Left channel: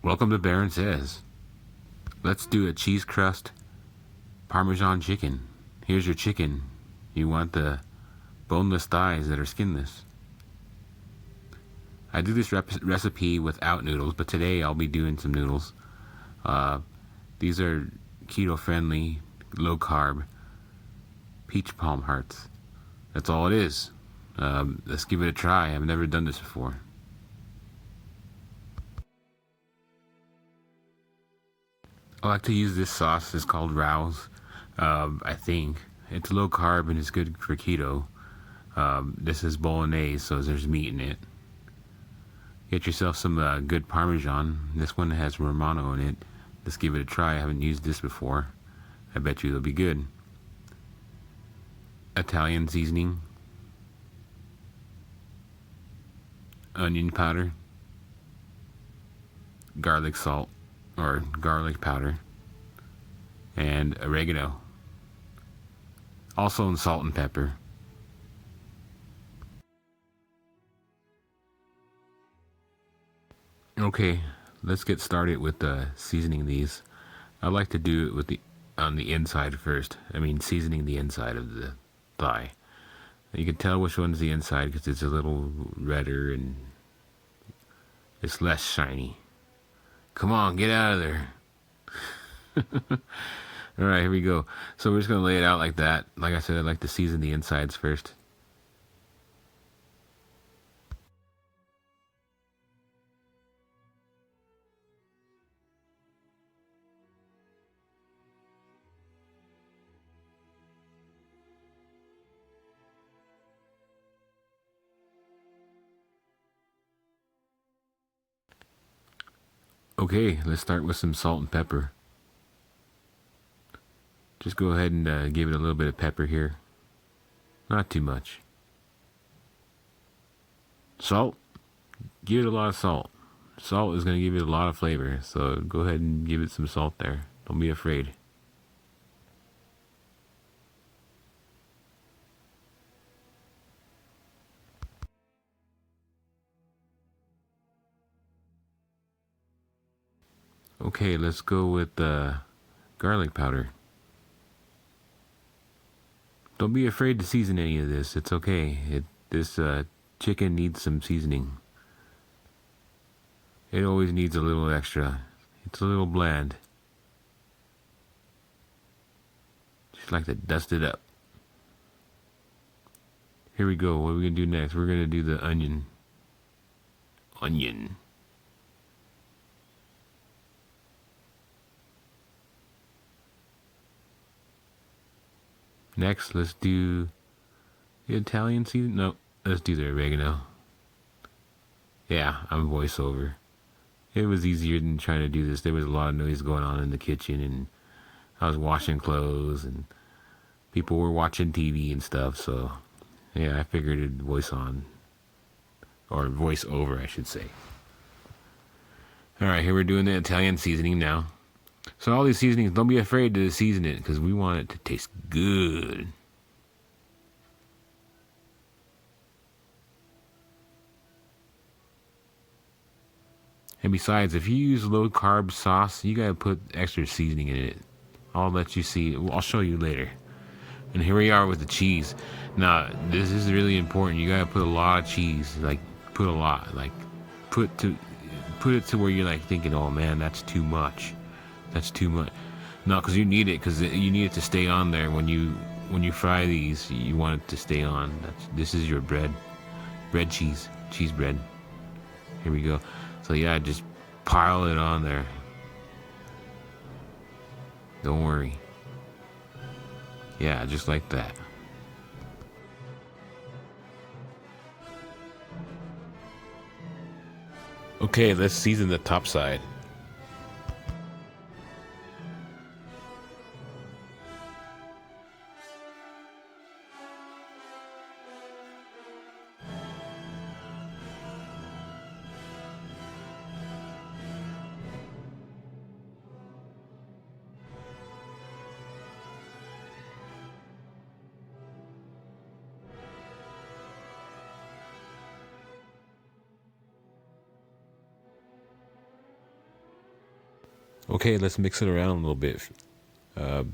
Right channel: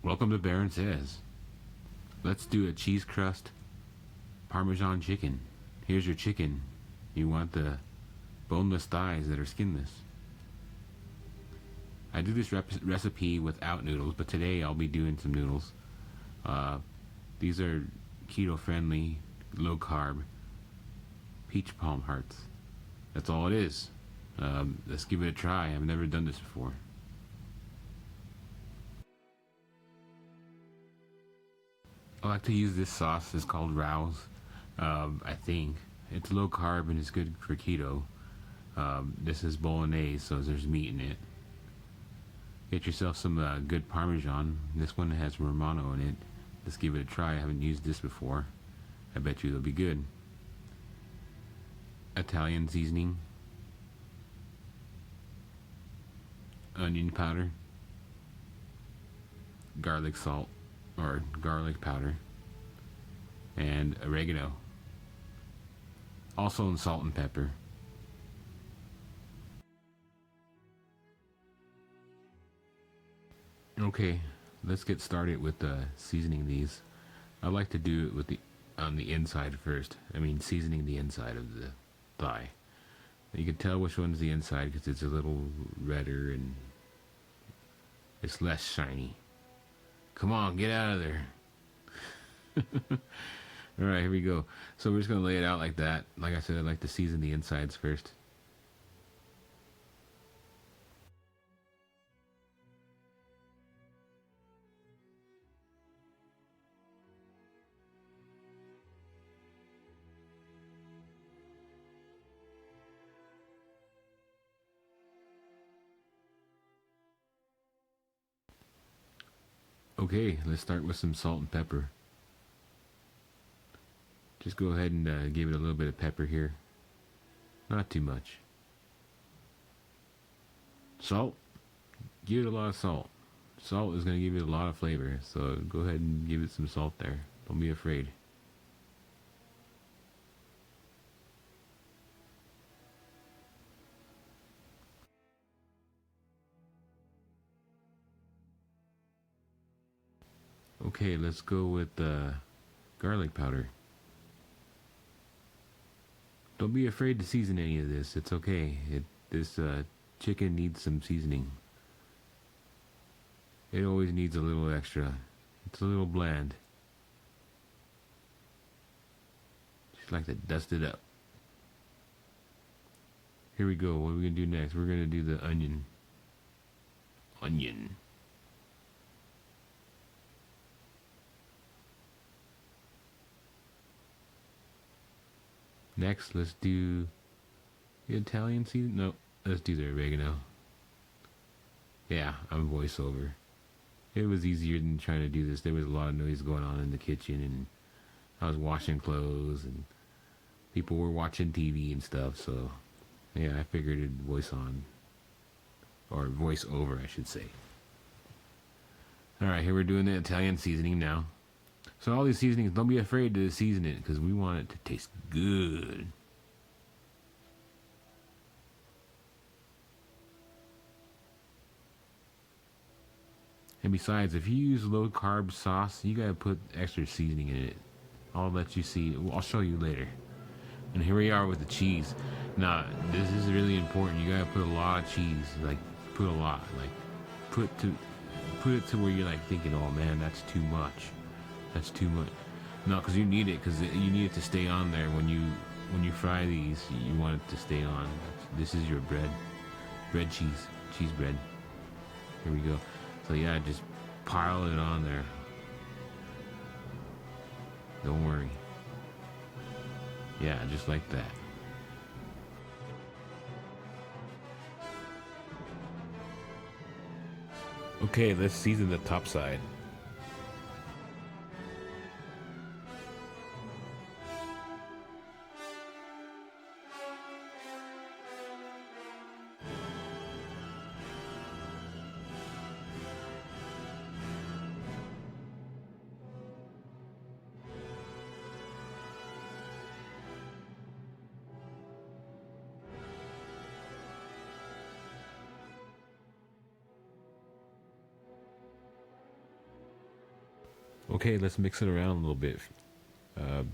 Welcome to BaronSays. Let's do a cheese crust Parmesan chicken. Here's your chicken. You want the boneless thighs that are skinless. I do this recipe without noodles, but today I'll be doing some noodles. These are keto-friendly, low-carb peachplamhearts. That's all it is. Let's give it a try. I've never done this before. I like to use this sauce. It's called raos. I think it's low carb and it's good for keto. This is bolognese, so there's meat in it. Get yourself some good Parmesan. This one has romano in it. Let's give it a try. I haven't used this before. I bet you it'll be good. Italian seasoning. Onion powder. Garlic salt or garlic powder. And oregano. Also salt and pepper. Okay, let's get started with seasoning these. I like to do it with on the inside first. I mean, seasoning the inside of the thigh. You can tell which one's the inside because it's a little redder and it's less shiny. Come on, get out of there. All right, here we go. So we're just gonna lay it out like that. Like I said, I like to season the insides first. Okay, let's start with some salt and pepper. Just go ahead and give it a little bit of pepper here. Not too much. Salt, give it a lot of salt. Salt is going to give it a lot of flavor, so go ahead and give it some salt there. Don't be afraid. Okay, let's go with garlic powder. Don't be afraid to season any of this. It's okay. This chicken needs some seasoning. It always needs a little extra. It's a little bland. Just like to dust it up. Here we go. What are we going to do next? We're going to do the onion. Onion. Next, let's do the Italian season. No, let's do the oregano. Yeah, I'm voiceover. It was easier than trying to do this. There was a lot of noise going on in the kitchen, and I was washing clothes, and people were watching TV and stuff. So, yeah, I figured it'd voice on, or voice over, I should say. All right, here we're doing the Italian seasoning now. So all these seasonings, don't be afraid to season it because we want it to taste good. And besides, if you use low carb sauce, you gotta put extra seasoning in it. I'll let you see. I'll show you later. And here we are with the cheese. Now, this is really important. You gotta put a lot of cheese. Like, put a lot. Like, put it to where you're like thinking, oh man, that's too much. That's too much. No, because you need it. Because you need it to stay on there when you fry these. You want it to stay on. This is your bread cheese bread. Here we go. So yeah, just pile it on there. Don't worry. Yeah, just like that. Okay, let's season the top side. Okay, let's mix it around a little bit. Uh,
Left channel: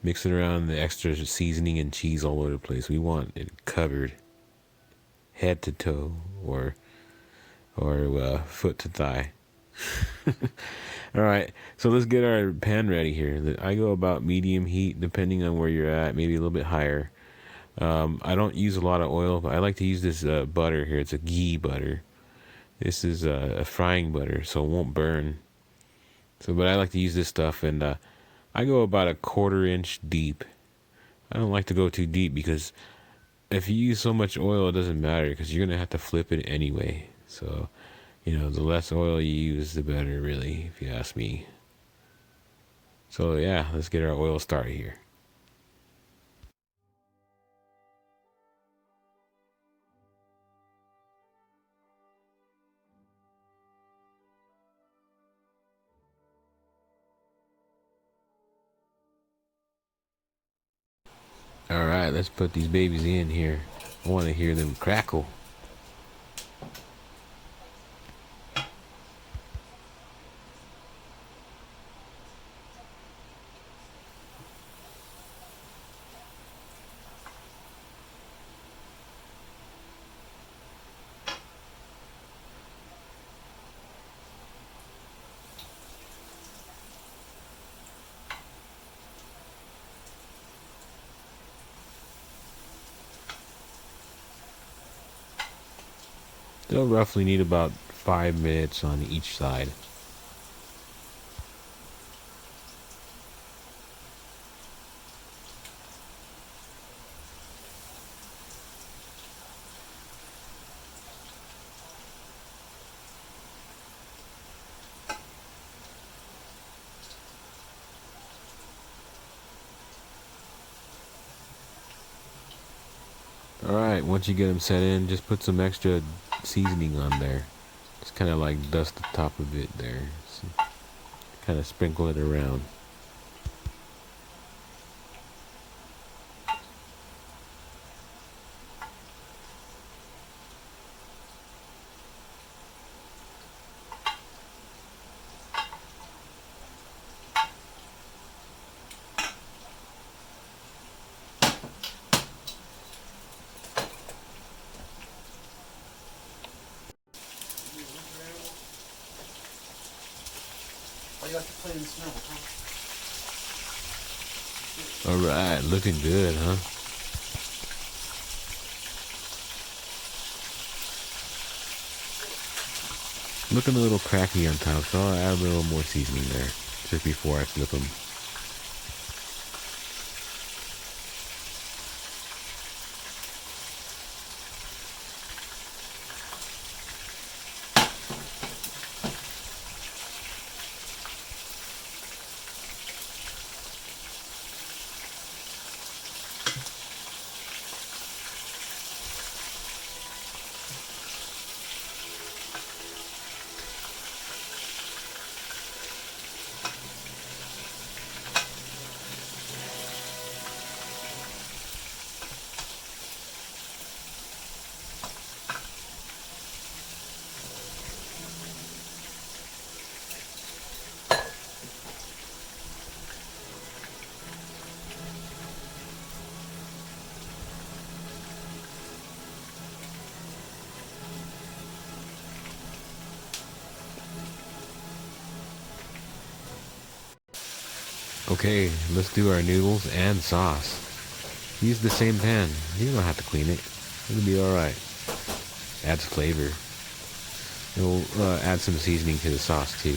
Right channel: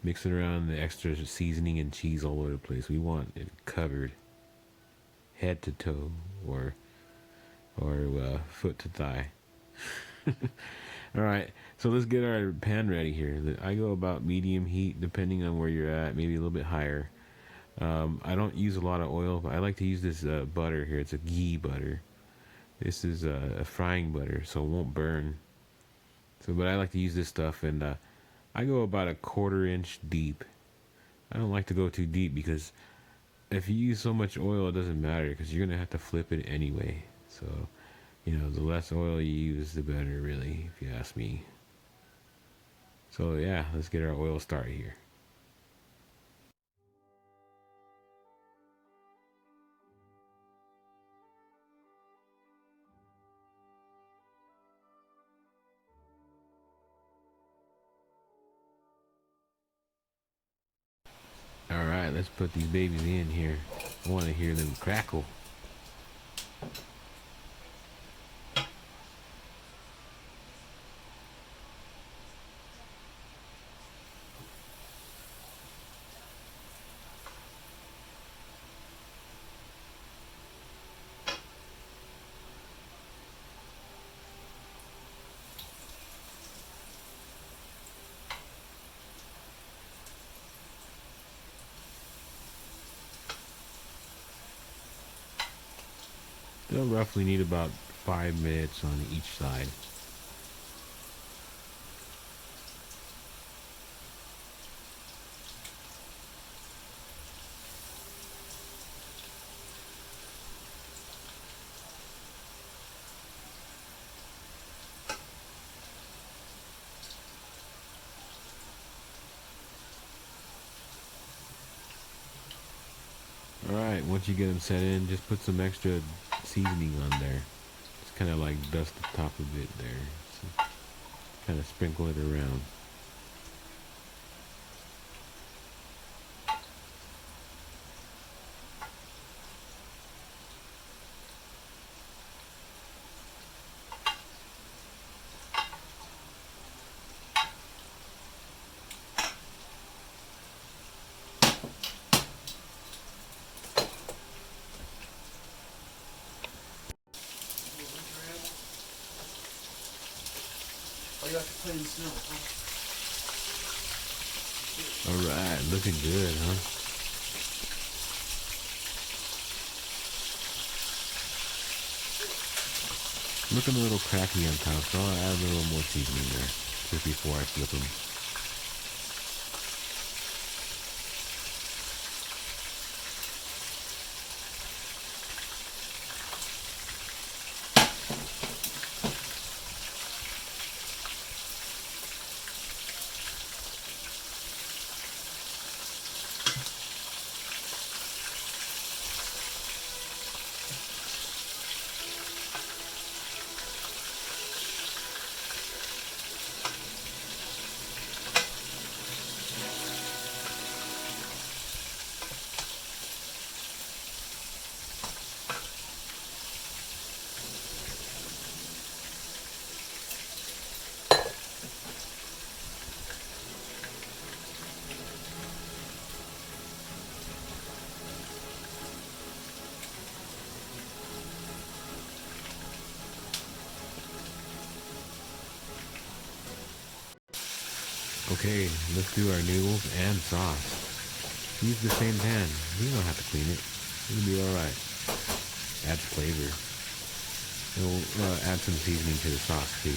Mix it around the extra seasoning and cheese all over the place. We want it covered, head to toe, or foot to thigh. All right, so let's get our pan ready here. I go about medium heat, depending on where you're at, maybe a little bit higher. I don't use a lot of oil, but I like to use this butter here. It's a ghee butter. This is a frying butter, so it won't burn. So, but I like to use this stuff, and I go about a 1/4 inch deep. I don't like to go too deep because if you use so much oil, it doesn't matter because you're gonna have to flip it anyway. So, the less oil you use, the better, really, if you ask me. So yeah, let's get our oil started here. All right, let's put these babies in here. I want to hear them crackle. They'll roughly need about 5 minutes on each side. All right, once you get them set in, just put some extra seasoning on there. Just kind of like dust the top of it there. So kind of sprinkle it around. All right, looking good, huh? Looking a little cracky on top, so I'll add a little more seasoning there just before I flip them. Okay, let's do our noodles and sauce. Use the same pan. You don't have to clean it. It'll be alright. Adds flavor. It'll add some seasoning to the sauce too.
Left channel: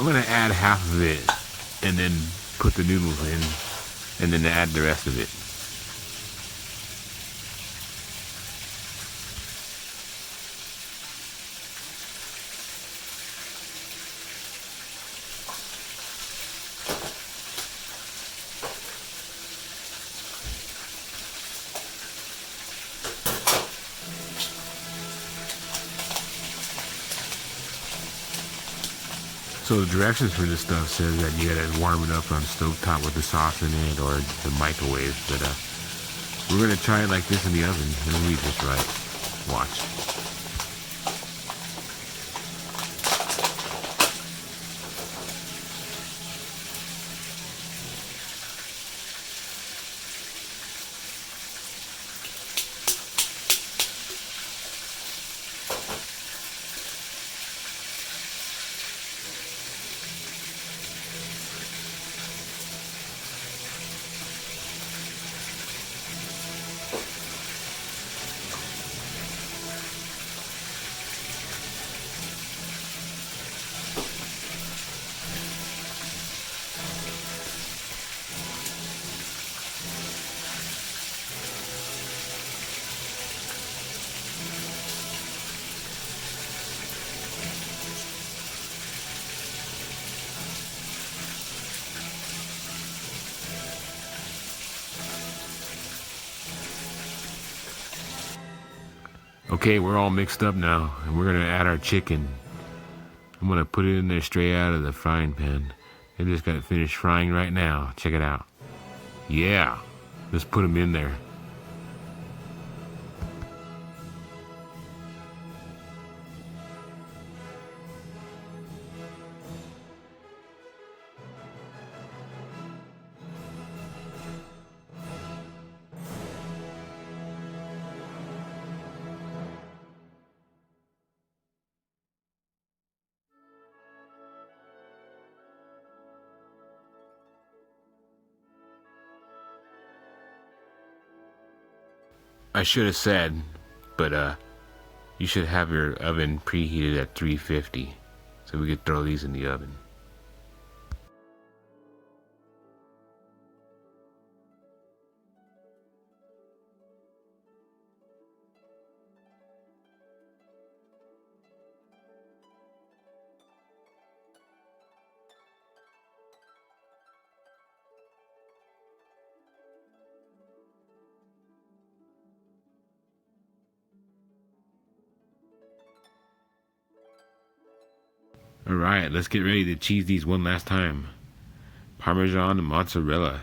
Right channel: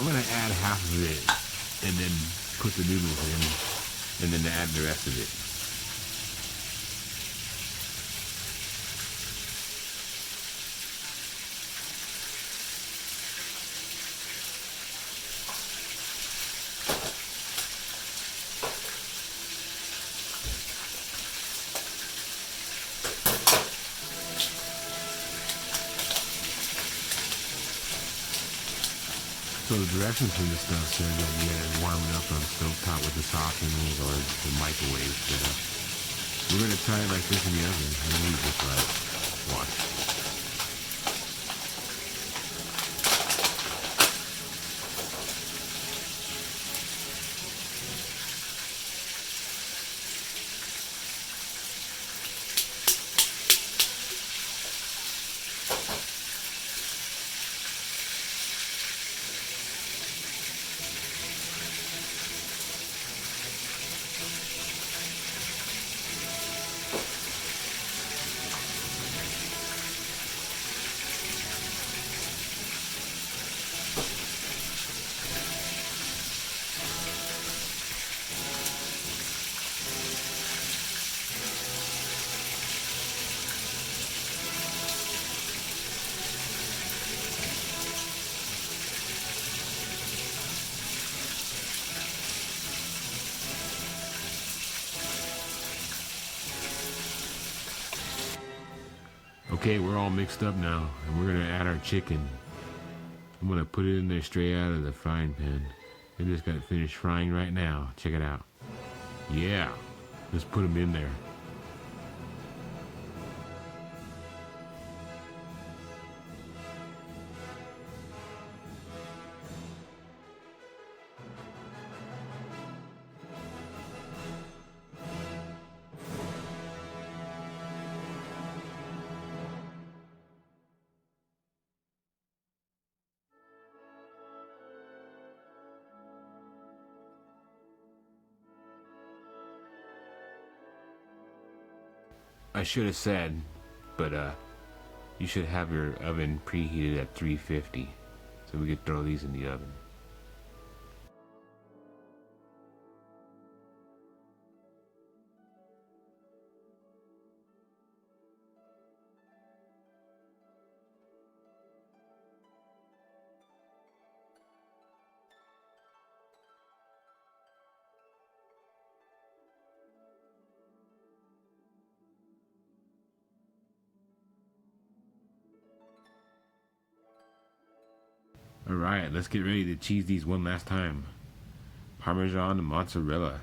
I'm gonna add half of it and then put the noodles in and then add the rest of it. So the directions for this stuff says that you gotta warm it up on stovetop with the sauce in it or the microwave. But we're gonna try it like this in the oven and leave this right. Watch. Okay, we're all mixed up now, and we're gonna add our chicken. I'm gonna put it in there straight out of the frying pan. They just got finished frying right now. Check it out. Yeah, just put them in there. I should have said, but you should have your oven preheated at 350 so we could throw these in the oven. Alright, let's get ready to cheese these one last time. Parmesan and mozzarella.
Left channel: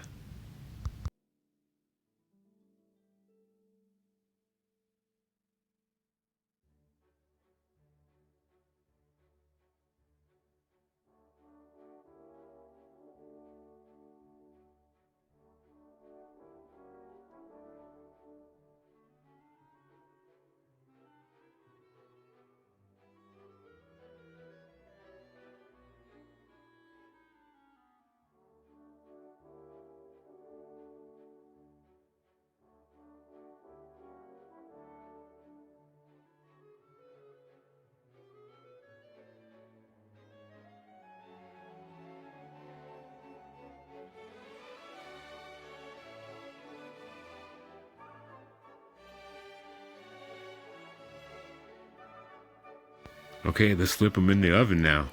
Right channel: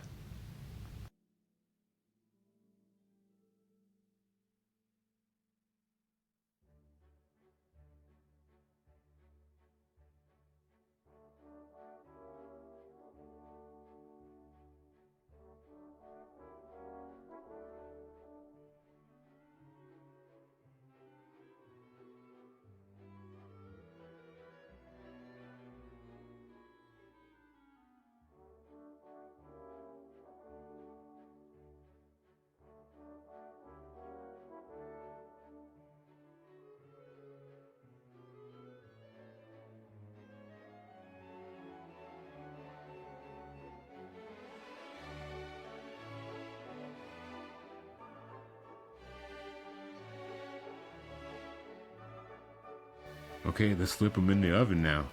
Okay, let's flip them in the oven now.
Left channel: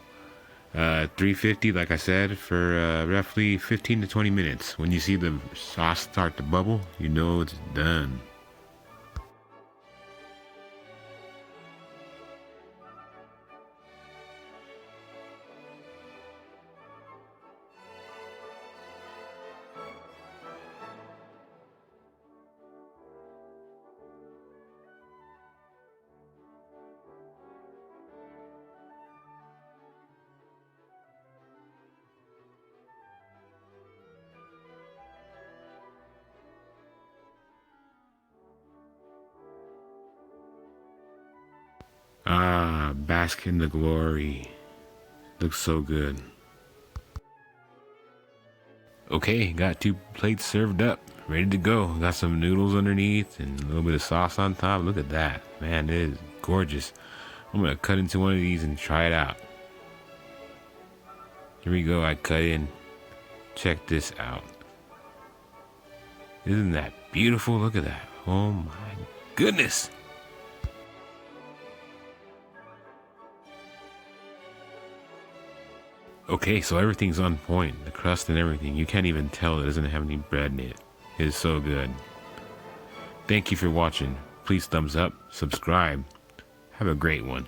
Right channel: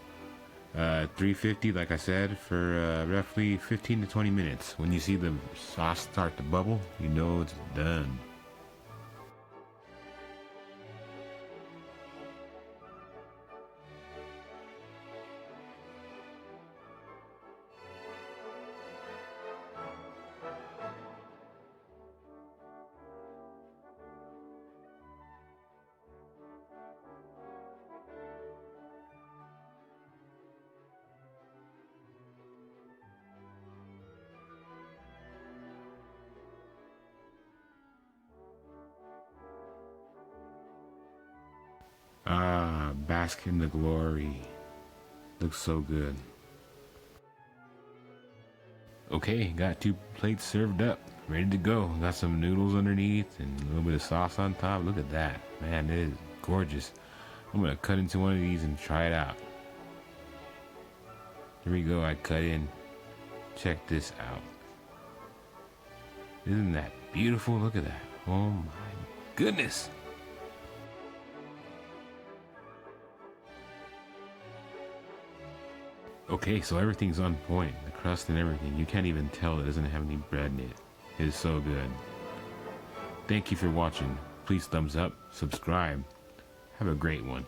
350, like I said, for roughly 15 to 20 minutes. When you see the sauce start to bubble, you know it's done. Ah, bask in the glory. Looks so good. Okay, got 2 plates served up, ready to go. Got some noodles underneath and a little bit of sauce on top. Look at that. Man, it is gorgeous. I'm gonna cut into one of these and try it out. Here we go, I cut in. Check this out. Isn't that beautiful? Look at that. Oh my goodness. Okay, so everything's on point. The crust and everything. You can't even tell it doesn't have any bread in it. It is so good. Thank you for watching. Please thumbs up, subscribe. Have a great one.